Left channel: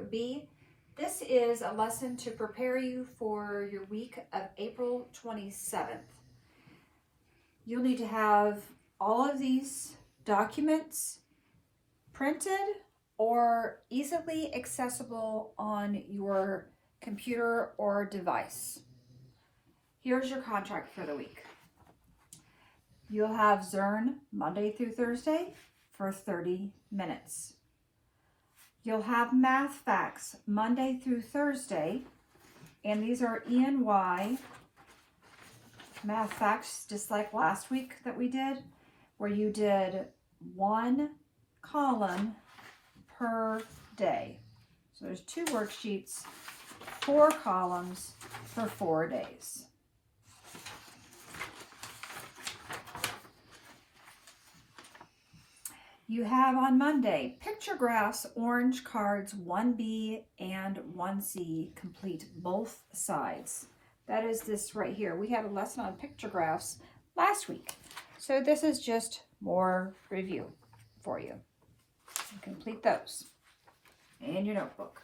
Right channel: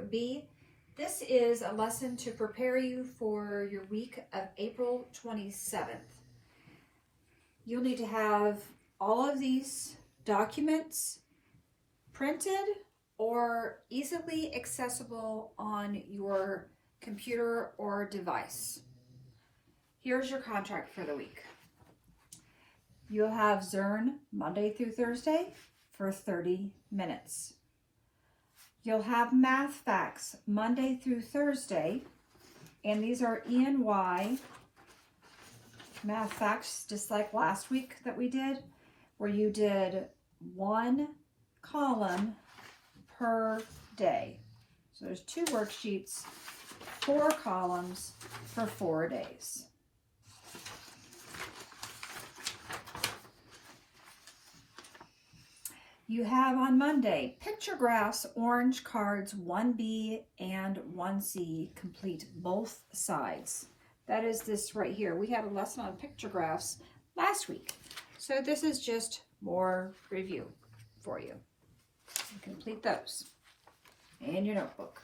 Group B, this is a lesson to prepare you for your week of April 27th. You'll need to have all of these documents printed or easily accessible on your computer or device. Here's your contract for the week. You'll have Zern Monday through Thursday for 30 minutes. You'll have Math Facts Monday through Thursday, and these are E&Y Math Facts, just like last week that we did, where you did one column per day. So there's 2 worksheets, 4 columns for 4 days. You have on Monday, picture graphs, orange cards, 1B and 1C, complete both sides. That is this right here. We had a lesson on picture graphs last week. So this is just more review for you. Complete those in your notebook.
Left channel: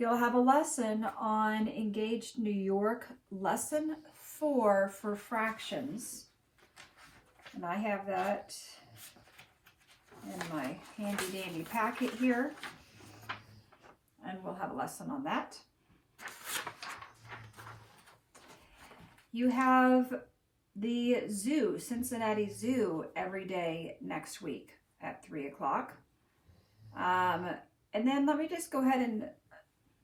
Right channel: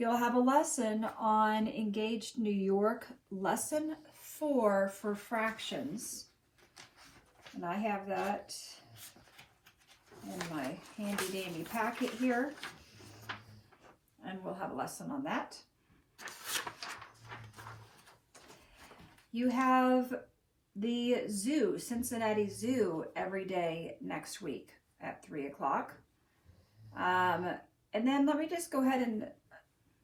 You'll have a lesson on Engaged New York, lesson 4 for fractions. And I have that in my handy dandy packet here, and we'll have a lesson on that. You have the zoo, Cincinnati Zoo, every day next week at 3 o'clock. And then let me just go ahead and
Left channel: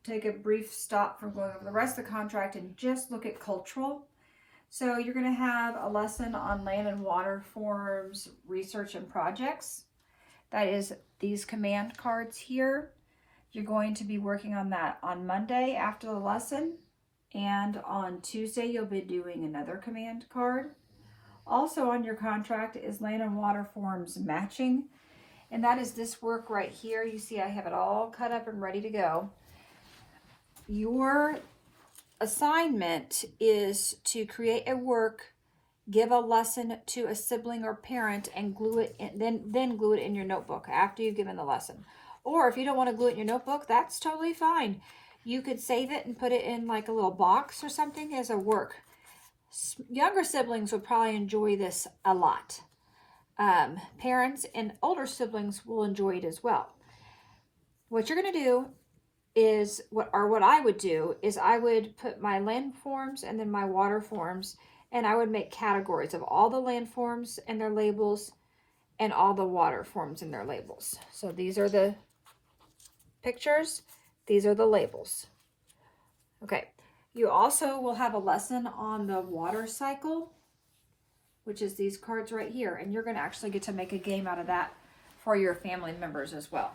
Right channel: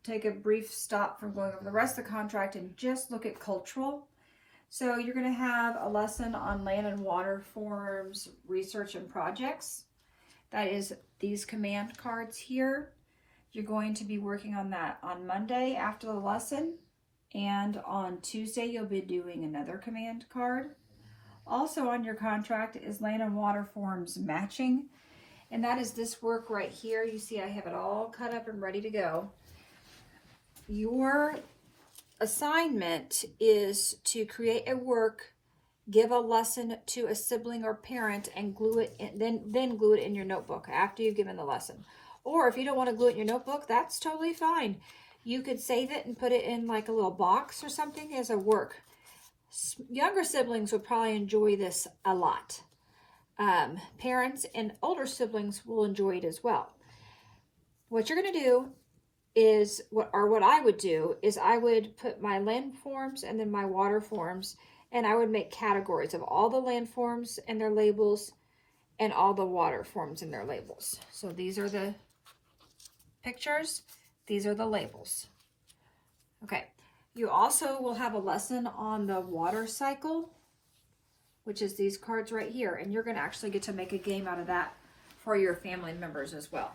take a brief stop from going over the rest of the contract and just look at cultural. So you're going to have a lesson on land and water forms, research and projects. That is these command cards here. You're going to be working on that on Monday after the lesson, and on Tuesday you'll be doing another command card. Also on your contract is land and water forms matching, and that is this work right here. You see I have it all cut up and ready to go. Your assignment is to create a work, give a lesson to a sibling or parent, and glue it in, then glue it in your notebook after you've given the lesson. Or if you don't want to glue it in your notebook, that's totally fine. You could save it and put it in like a little box or something as a work. Younger siblings would probably enjoy this a lot. Parents and older siblings will enjoy it as well. What you're going to do is, what I would do is I would put my land forms and then my water forms, and I would make categories of all the land forms and their labels and all the water forms and their labels. So these are the pictures, these are the labels. Okay, you also will have a lesson on the water cycle, which is these cards right here, and you're going to actually get to make a game out of that for your family members as well.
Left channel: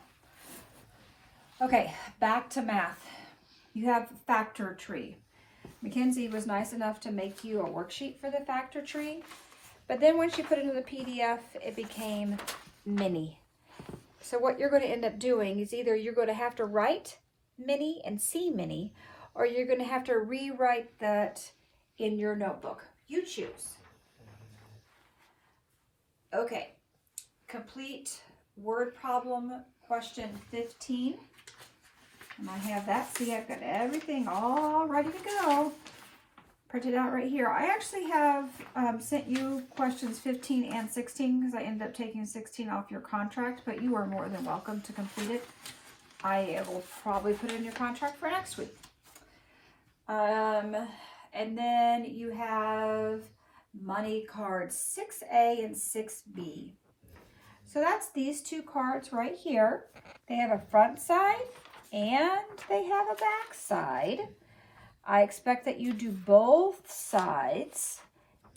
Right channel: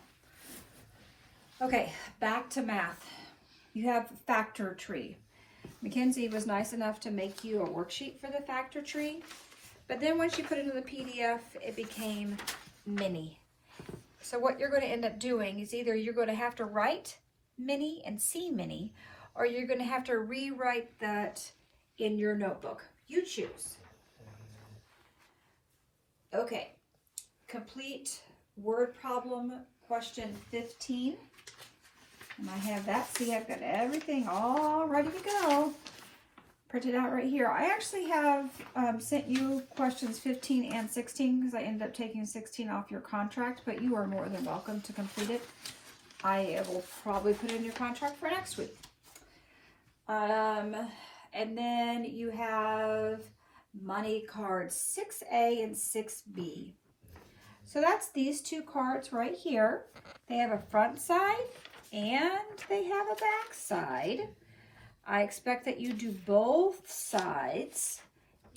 Okay, back to math. You have factor tree. Mackenzie was nice enough to make you a worksheet for the factor tree, but then once you put it in the PDF, it became mini. So what you're going to end up doing is either you're going to have to write mini and see mini, or you're going to have to rewrite that in your notebook. You choose. Okay, complete word problem question 15. And I have that. See, I've got everything all ready to go. Printed out right here. I actually have sent you questions 15 and 16 because I ended up taking 16 off your contract, but you are more than welcome to complete it. I will probably put it in your contract for next week. And then you have money cards 6A and 6B. So that's these 2 cards right here. They have a front side and they have a back side. I expect that you do both sides.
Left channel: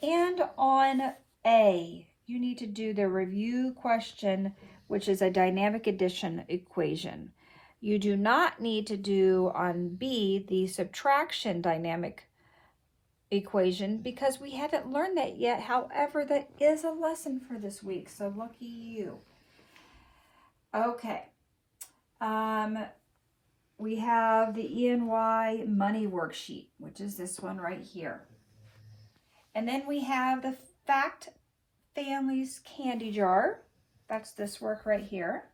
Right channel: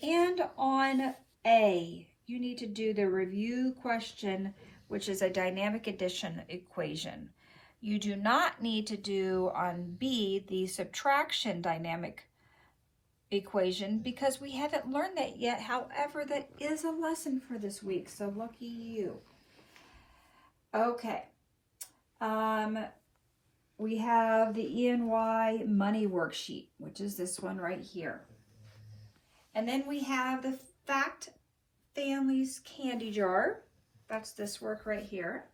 And on A, you need to do the review question, which is a dynamic addition equation. You do not need to do on B the subtraction dynamic equation because we haven't learned that yet. However, that is a lesson for this week, so lucky you. Okay. We have the E&Y money worksheet, which is this one right here. And then we have the Fact Families Candy Jar. That's this work right here.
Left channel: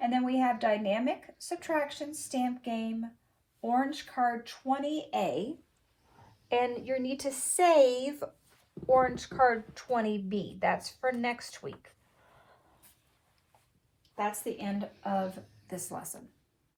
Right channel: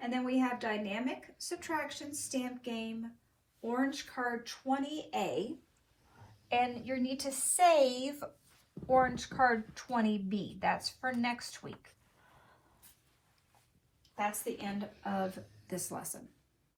And then we have dynamic subtraction stamp game, orange card 20A. And you need to save orange card 20B. That's for next week. That's the end of this lesson.